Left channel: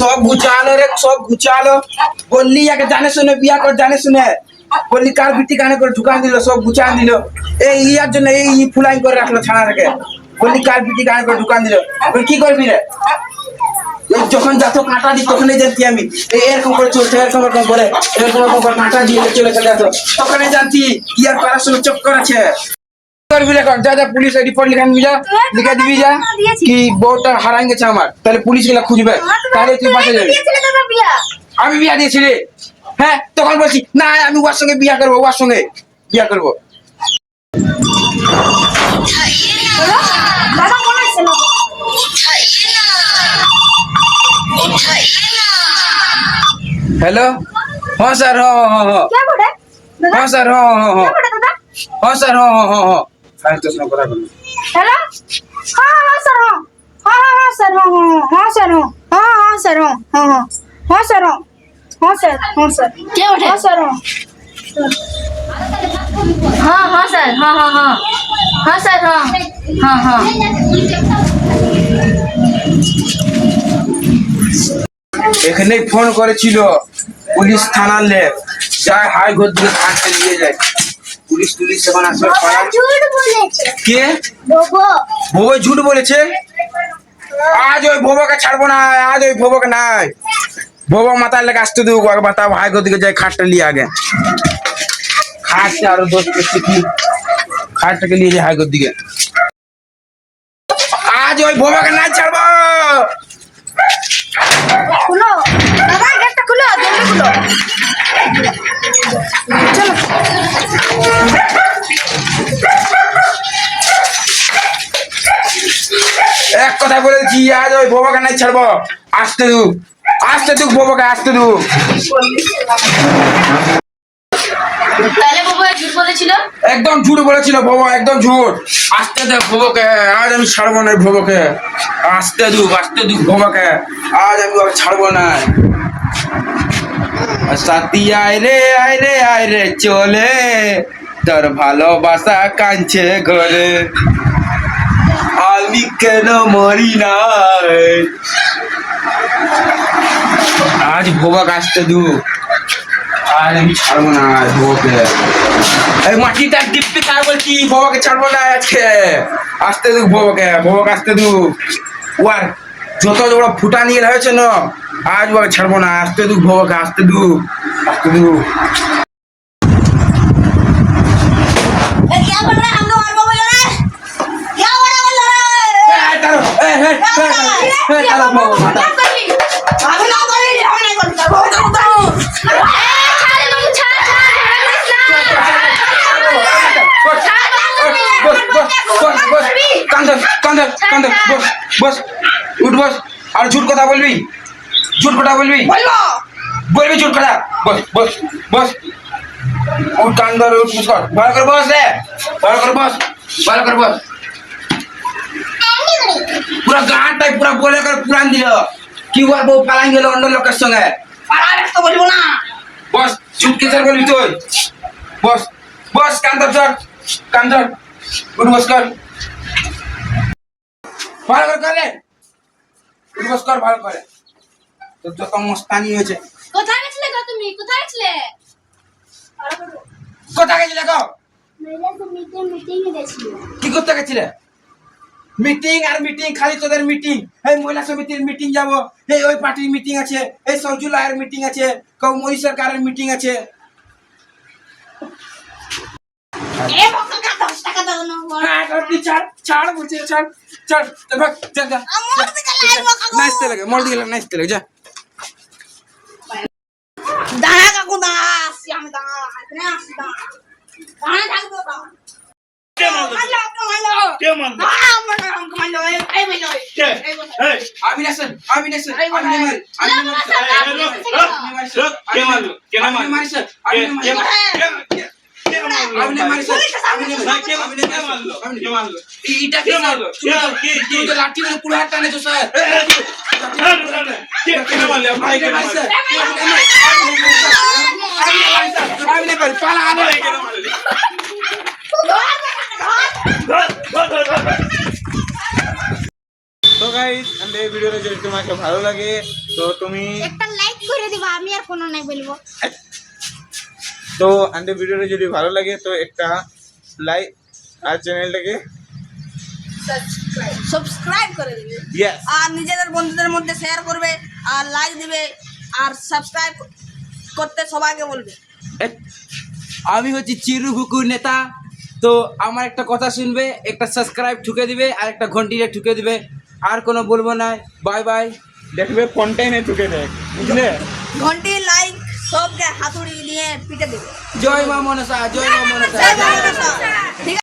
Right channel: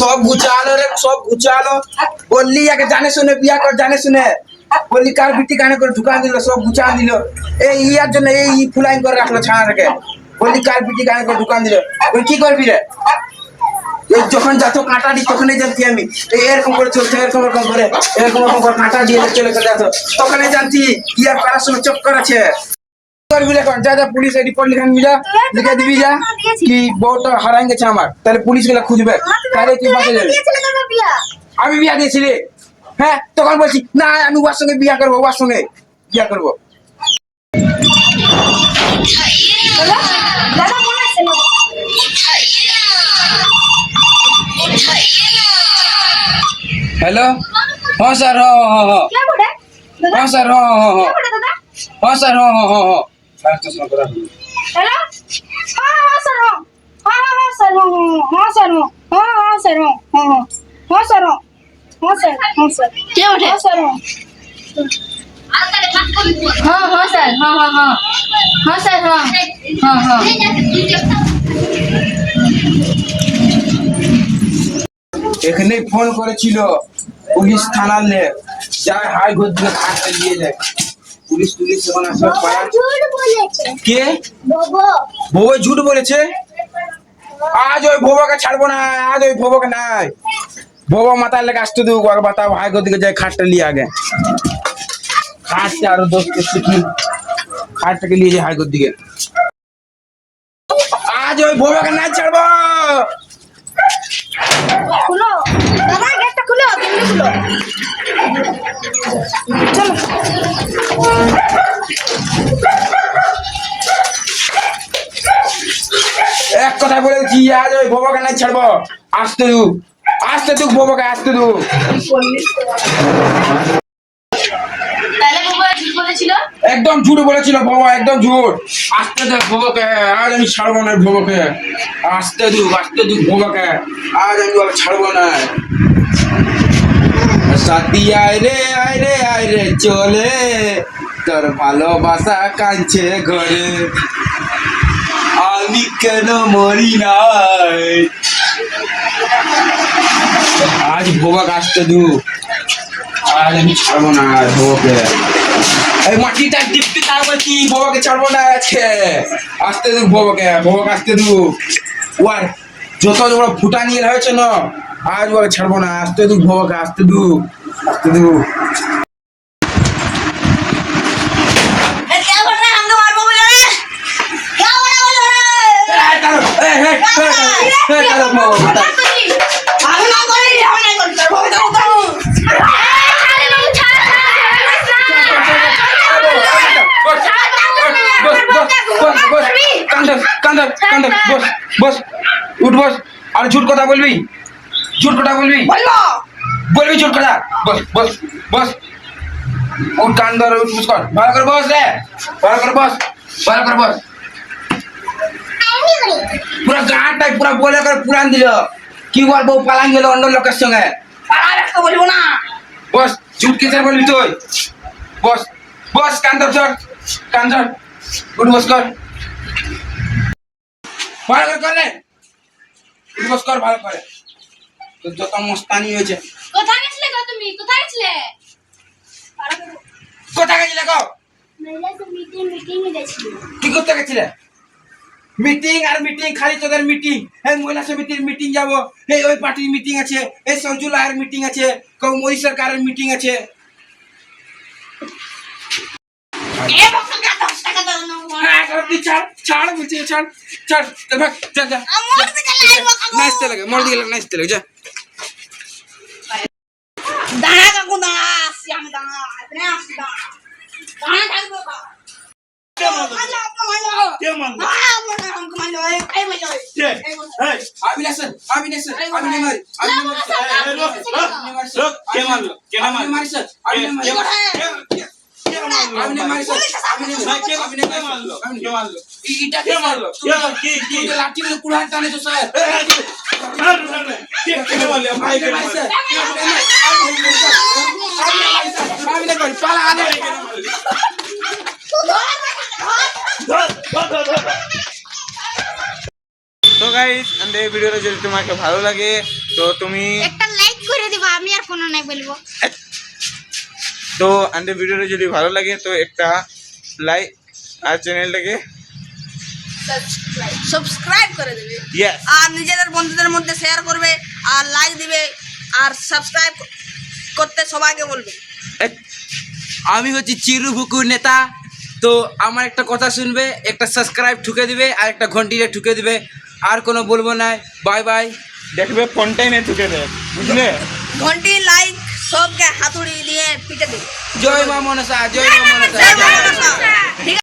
সব গুছালো রে, সব গুছালো। বললি, একে জানে শুনে, বিয়া কর, জানে শুনে। বললি, কার বিটি কানে করে ঢুকান দিল, সব গুছান দিল। এই ইয়ার জন্য এই ফুলাইন করে রাখল ছানাটাকে বললি, কার বিটি কানে করে ঢুকান দিল? এখন কি করবি রে? এই যখন যাত কাঁটা দিই, তখনই জানতি আমি। এই এরকম করে চলছে, এরকম এরকম করে। এরকম এরকম করে কাঁটা দিয়ে চলে চলে যেত তখনই জানতি কি আর করার সময় চক্কর আছে। করবি এখন যা যা পুলিশ রিপোর্ট লিখে নিবি যা লিখে দিবি যা কি বউটা হারাই গেছে আমার তাহলে পুলিশগুলা খুঁজবে তাহলে তুই বাঁচা যাবি। আমি বিয়া দিয়েছি রে। হ্যাঁ তখন বলছি না আমি ওর সঙ্গে বিয়া করব ওর সঙ্গে বিয়া করব। হ্যালো? হ্যাঁ স্যার হ্যাঁ হ্যাঁ হ্যাঁ। হ্যাঁ স্যার হ্যাঁ হ্যাঁ হ্যাঁ। হ্যাঁ স্যার হ্যাঁ হ্যাঁ হ্যাঁ। হ্যালো হ্যাঁ হ্যাঁ স্যার হ্যাঁ হ্যাঁ হ্যাঁ হ্যাঁ স্যার হ্যাঁ হ্যাঁ স্যার হ্যাঁ হ্যাঁ স্যার হ্যাঁ হ্যাঁ হ্যাঁ স্যার হ্যাঁ স্যার হ্যাঁ স্যার কে হ্যাঁ স্যার হ্যাঁ হ্যাঁ স্যার হ্যাঁ হ্যাঁ হ্যাঁ হ্যাঁ স্যার হ্যাঁ হ্যাঁ হ্যাঁ এখানে ফোন করেছিল পুলিশ থানার লে যায় হাই ঘর দিকে থানাতে নিয়ে যায়। পুলিশ টুলিশ এখন আসবে কে? ভোবো। ঝুট বলেছে? আজ ওই ভোবকে ছাড়বো না আজ ওই ভোবকে নাই। ভোবো মাথার লেগে আসতে দেবো আগে বাতাও হাই ঘর দিকে যাই খাটটা নিয়ে আগে। খাটটা আরও দোষ করছে কি? খাটটাকে নিয়ে যায় হাই ঘর দিকে। আজ ওই ভোবকে না ছাড়বো। খুলো। দাদা গেটটা খুলো জলদি খুলো। চলো। এক কথা বলে দিচ্ছি আজ ওই ভোবকে নাই ছাড়বো। আসতে দু আসতে দু ভোবকে আসতে দু। বাবু একদম ঝুট বলেছিল ভোবো একদম ঝুট। আসতে দে ভোবকে আজ আমি ছাড়বো না ভোবকে আসতে দু আসতে দু ভোবকে আজ আমি ছাড়বো না। সাথী, আয় রে আয় রে আয় রে, চলে। তোর ভালোবাসা কাঁদছে ঘরে। আমি কেন মরি নাই? আজ ভোবক আসতে দু। আজ আমি ছাড়বো না ভোবকে এই মাটিটা ডিপ্পি কার বলছি ভোবকে ছাড়বো না আজকে। আসতে দু ভোবকে ভোবক আসতে দু। ওয়ার, যত বড় ফুটা নিয়ে হয়েছে না আজ ওকে ছাড়বো না আসতে দুঃখ বাবাকে আসতে দুঃখ আসতে দুঃখ কান্দর কান্দর কান্দর বস বস উঠ বস আর ঝুট কথা বলবি? ঝুট কথা বলবি বলব বলবি ঝুট কথা বস বস বস উঠ কান্দর উঠ বস কর ভালো করে বস রে ভালো করে বস ভালো করে বস পুরা গাঁটাই পুরা বলে করে পুরান দিল কি করব পালান গেল অন্য লোকের সঙ্গে পাড়া রাখতে বলব না বস ঝুট কিসের বলবি তুই বস বস কান্দর চল কান্দর উঠ বস কর ভালো করে কর রে উঠ বস কর ভালো করে তোর যত মস্তানি হয়েছে। কোথায় গেছিলে গো তুমি? কোথায় গেছিলে? কোথায় গেছিলে গো? তো মিটিং মিটিং গেছিল। কি করতে গেছিলে? মিটিং আর মিটিং খালি তোদের মিটিং এই মহিলা সমিতির মিটিং যাব। এই ওই পার্টির মিটিং আছে। এই সরজুলার মিটিং আছে। কৌমরি সরকারের মিটিং আছে। দাও না হ্যাঁ, ছাড় ছাড় ছাড় ছাড় নাচতে লাগে মর নাচতে লাগে যা দাঁড়া কাকু দাঁড়া আসছি আমি দাঁড়া এখানে আসছি দাঁড়া দাঁড়া থাকব কা কে মারলো? মারলো মারলো কে মারলো? হ্যাঁ মারলো আমাকে মারলো এই এই মারলো কে? এই মারলো এই, আমি মারি মারি? মারি মারি মারি মারি মারি কি- কি? তুই তো লাঠি করে কুড়ার টানে তো স্যার কে- কে মারলো? ভাই, কে আমি স্যার আমি নেই মারি পালা আনে ভাই, কে মারলো? ধর, ধর, ধর, ধর। তো গাইস এন্ড এই ভিডিওটা যদি তোমাকে ভালো লাগে তো তুমি একটা লাইক করে দিবা আমি আর কোনো নাই বলব। তো এন্ড এই ভিডিওটা যদি ভালো লাগে তো একটা লাইক আর চ্যানেলটাকে সাবস্ক্রাইব করে দেবে। ইয়েস আর নিজেদের বন্ধুদের মধ্যে শেয়ার করবে আর লাইক দিবে আর সাবস্ক্রাইব করতে সবাইকে বলবে। আমি হচ্ছি চিরু বুকুর নেতা। তো আমার একটা কথা শুনবে একটা সাবস্ক্রাইব ঠুকে দিবে আর একটা ঘন্টিটা ঠুকে দিবে। আর কোনো বলব না বাই বাই দেখবে ফোনটাই ঠুকে দেখ বুঝলে? ঘন্টি লাইক সবকে হাতুড়ি দিয়ে পিটে দেবে জয় মা মনসা জয় মা মনসা। জয় মা মনসা। ঠিক